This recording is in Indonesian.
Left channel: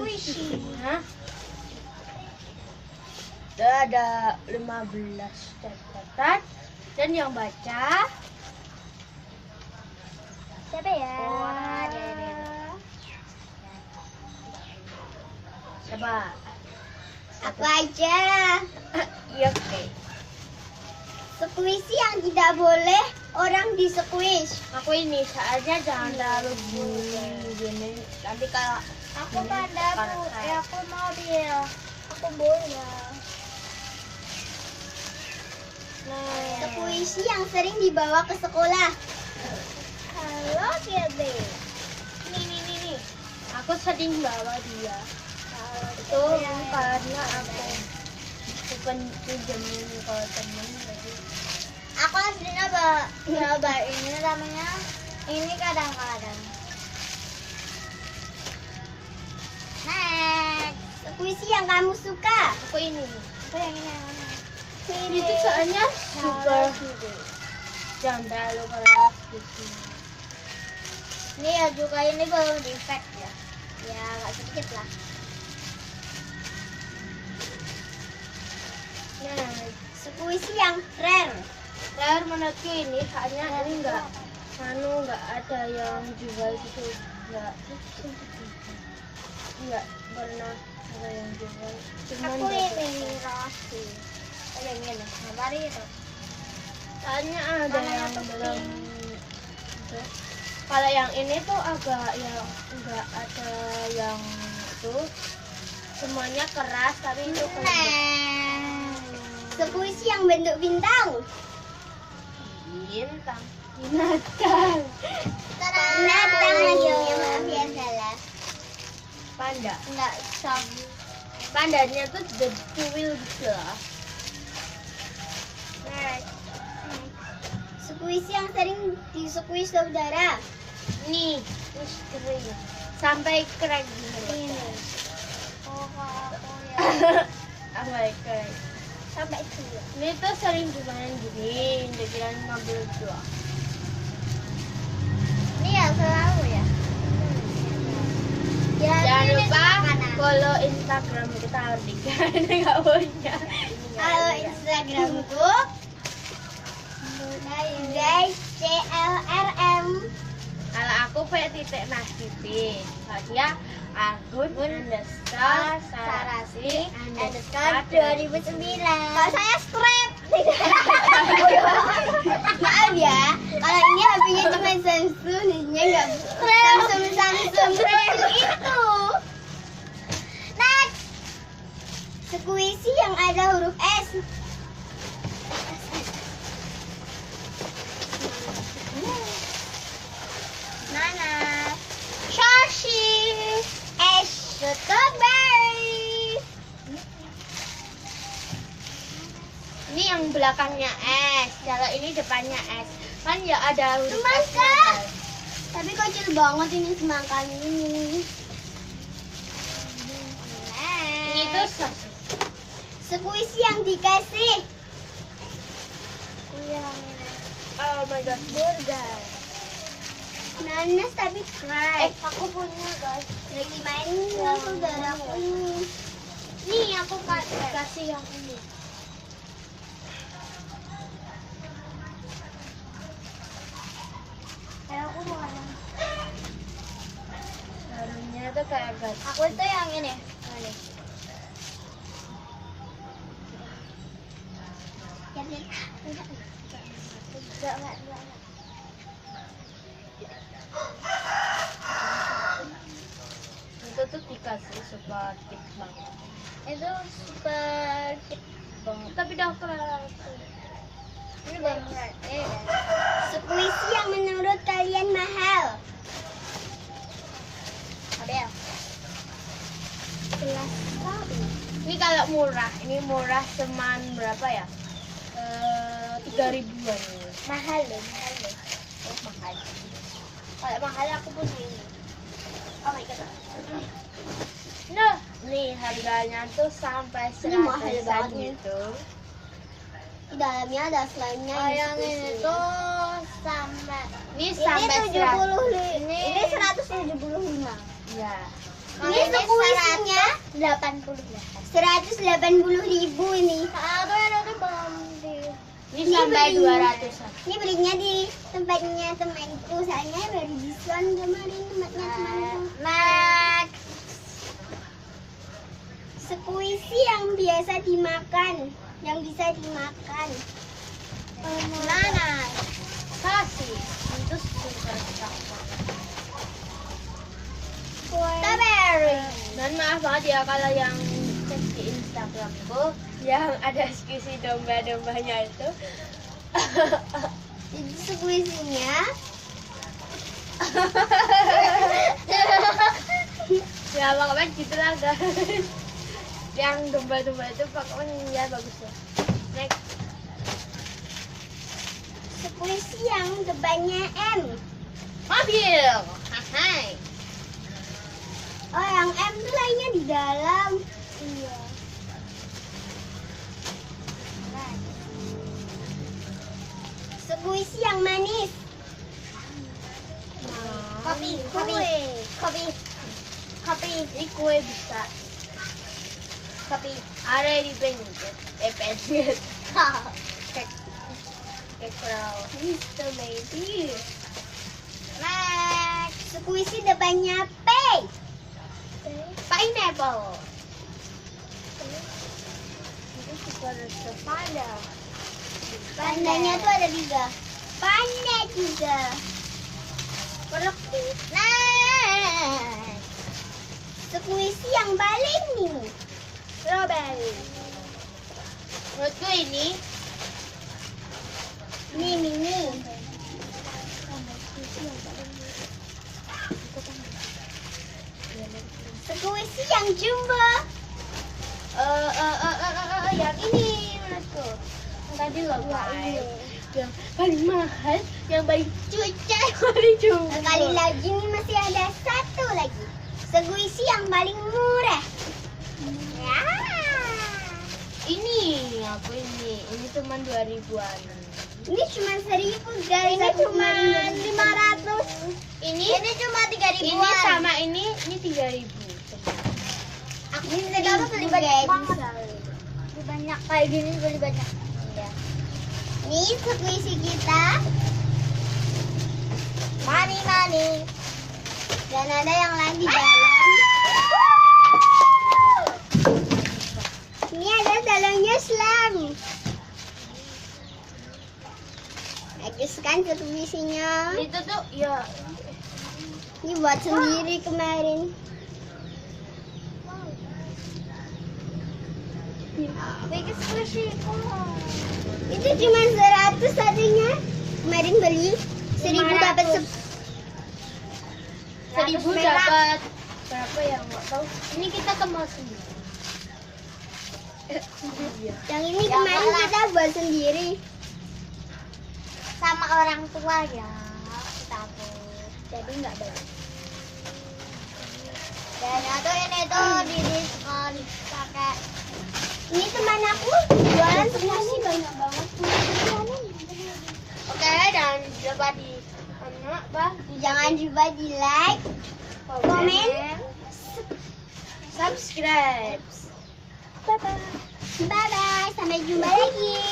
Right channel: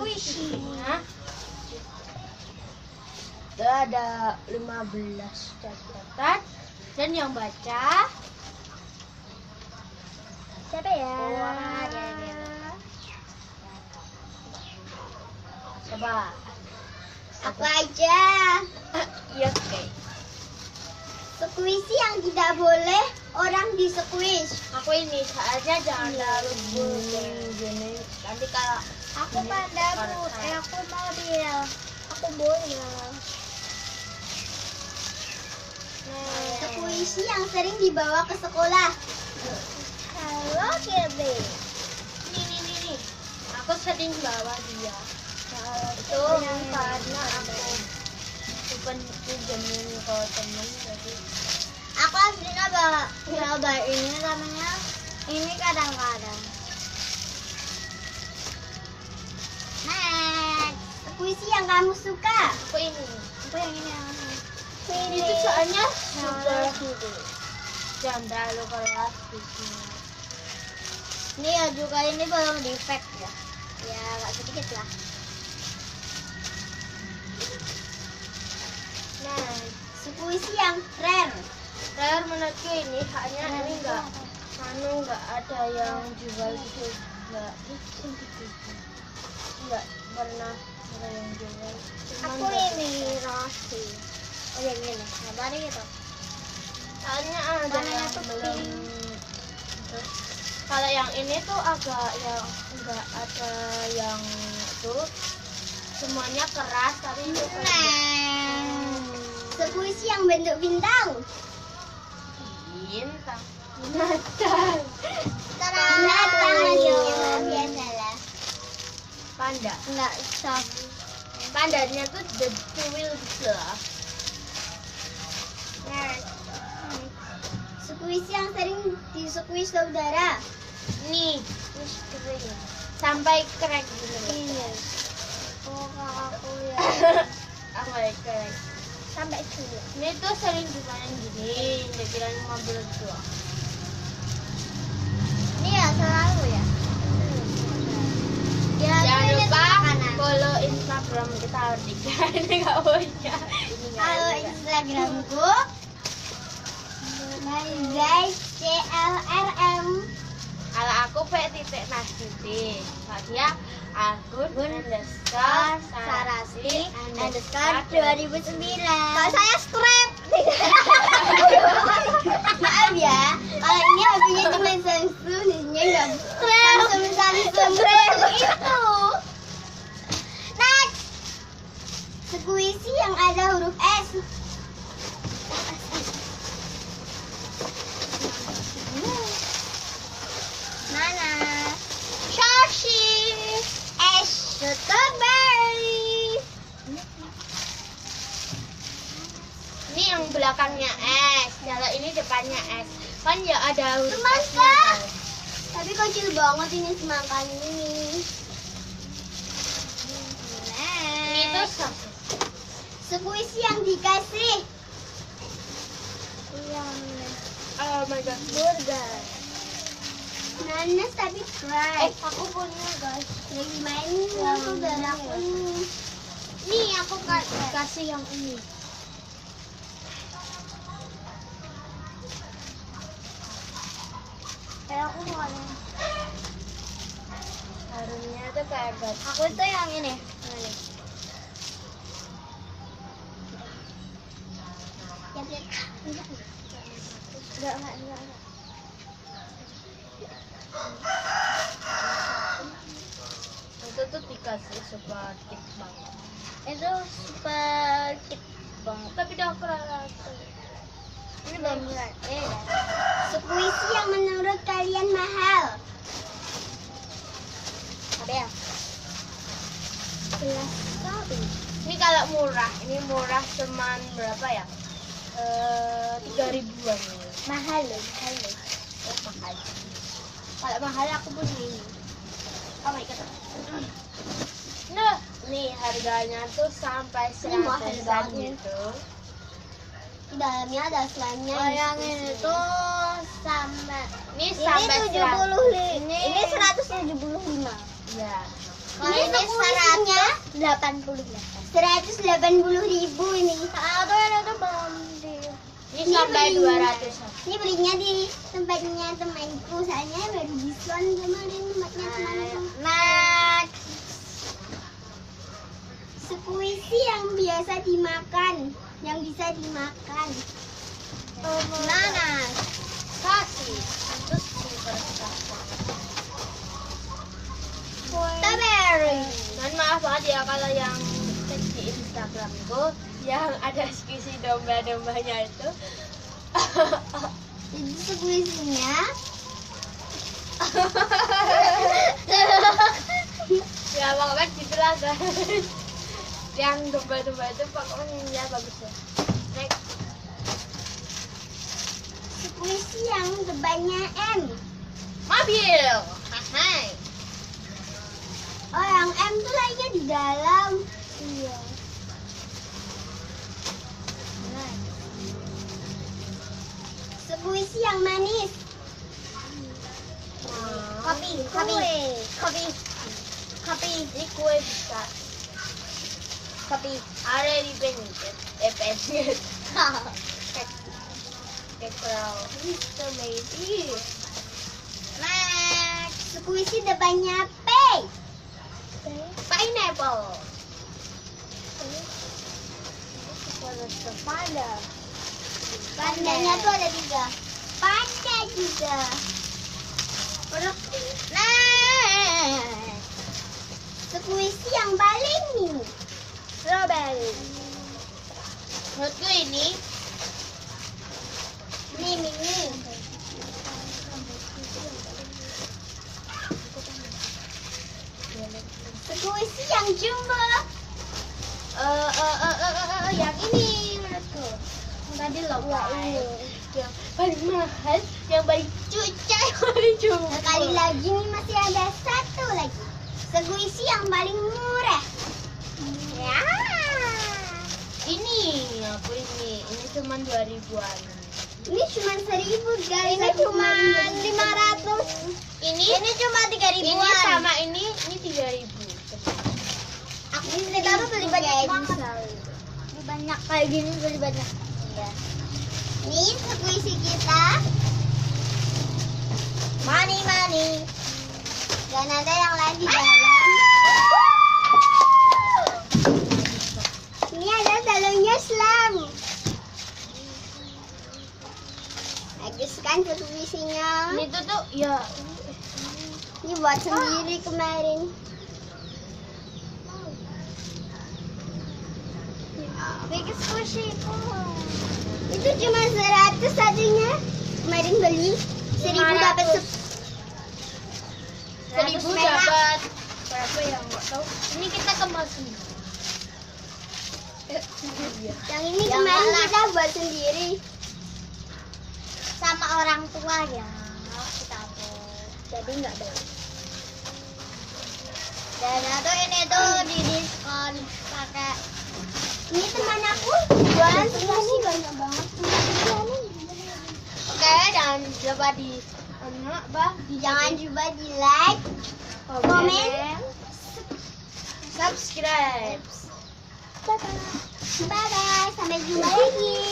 puisinya. Ada 15 catatan dan yang baca Siapa ya? Coba. Aku aja. Iya, oke. Sekuisi yang tidak boleh orang di-squeeze. Aku ini soalnya jangan terlalu gini. Nanti kalau Aku panda bu, aku mau dia. Aku boleh. Sekuisi yang sering dibawa ke sekolah. Halo Kirby. Nih. Aku sering bawa dia. Itu karena aku bukan pinjemin ke temen jadi. Aku aslinya bawa ini namanya. Ini kadang-kadang. Next. Sekuisi yang kamu suka. Aku ini. Aku yang ini yang mana? Itu soalnya super jangan terlalu keras gitu. Ini ya juga ini belum defect ya. Ya agak sedikit lah. Nah, sekuisi yang rare. Rare menurutku ini soalnya ini enggak ada yang jual gitu, enggak pernah ada yang jual. Cuman Aku ini kasih. Oh yang ini, nah tadi itu. soalnya ada Warnanya yang tuh belum pink. itu. Kalau yang ini tuh agak yang enggak ada yang itu semuanya keras tapi itu Nah, sekuisi yang bentuk bintang. bintang. Binatang aja biasalah. Panda. Enggak sok. Pandanya tuh the tuwil gitu loh. Sekuisi yang sering di-squeeze saudara. Nih kering. Sampai crack gini. Oh aku ya. Sampai crack. Sampai itu. Ini tuh sering dimainin gini, dibilang 15 doang. Ini ya selalu ya. Ya, Jangan ini lupa makanan. follow Instagram kita bertiga. Ini nggak punya. Kalau Instagramku guys CLRM. Kalau aku _nasiti. Kalau dia akun underscore sarasi Underscore 2009. Kalau saya scrap. Maaf ya, kalau ini HP-nya cuma Samsung, jadinya nggak Samsung itu. Next, sekuisi yang ada huruf S. Mana? Shashi. Strawberry. Ini yang belakangnya S. Kalau ini depannya S. Kan ya ada huruf Semangka. S-nya kan. Tapi kecil banget ini semangkanya ini. Ini tuh sosis. Sekuisi yang dikasih. Yang Oh my god. burger. Nanas tapi fry. Aku punya guys. Lagi main sama saudaraku. Nih aku kasih yang ini. Ya aku mau. Harumnya tuh kayak gat. Aku itu yang ini. Yang ini. Enggak. Itu tuh dikasih sepaket banget. Itu super cute banget. Tapi udah keras. Ini banget. Sekuisi yang menurut kalian mahal. Ada ya? Jelas sekali. Ini kalau murah, ini murah cuman berapa ya? 3.000-an. Mahal loh, mahal loh. Oh mahal. Kalau mahal aku punya ini. Oh my god. Nah, nih harganya tuh sampai Ini mahal 100-an banget. gitu. Dalamnya ada slime-nya. Oh, yang di ini situ. tuh Sama. Ini Ini sampai 70. 100. Ini 175. Ya. Ini sekuisinya 180.000 nih. Aku ada mandi. Ini Ini sampai belinya. 200-an. Ini belinya di tempatnya temanku, soalnya baru diskon kemarin tempatnya temanku. Next. Sekuisi yang biasa dimakan, yang bisa dimakan. Nanas. Kasih. Terus Strawberry. Dan maaf banget ya kalau yang cek di Instagramku yang ada diskusi domba-dombanya itu. Jadi sekuisinya Ya pokoknya gitulah guys. Yang domba-domba itu pokoknya ya bagus ya. Next. sekuisi yang depannya M. Mobil. Hai. Oh, yang M tuh lainnya di dalam. Iya. Sekuisi yang manis. Kopi. Ini kue bisa. Kopi. Ada di penjit. Penjit. Kekrau. Strawberry. Next. Sekuisi depannya P. Pineapple. Pada. Pandanya tuh ada 3. Panda juga. Nah, sekuisi yang paling new. Strawberry. Menurutku ini Ini. Sekuisi yang jumbo. yang ini menurutku. Tadi loh, ini. yang paling mahal, yang paling cuca, yang paling jumbo. Sekali lagi nih masih ada satu lagi. Sekuisi yang paling murah. Ya. Ini aku ini cuma 2.000-an. Ini cuma 1.000 guys. Ini Aku cuma kemarin beli 500. Ini cuma 3.000. ini sama ini 3.000. Aku beli banyak banget. Beli banyak kayak gini beli banyak. Iya. Ini sekuisi kita. Money. Dan ada yang lain di dalam. Ini ada dalamnya slam. Bagus kan sekuisinya. Itu tuh ya Ini buat sendiri kemarin. bikin squishy. Itu cuma 100 satunya. Kemarin beli 1.000 dapat 1.000 dapat berapa yang nggak tahu. Ini kita kemasin. Yang ini kemarin kita buat sendiri. Sama orang tua ya kita tuh. Jadi nggak boleh. Dan atau ini tuh di diskon pakai. Ini teman aku jualan semua sih banyak banget. Oke, dan coba di Jangan lupa di like, komen, subscribe. bye bye. Sampai jumpa lagi.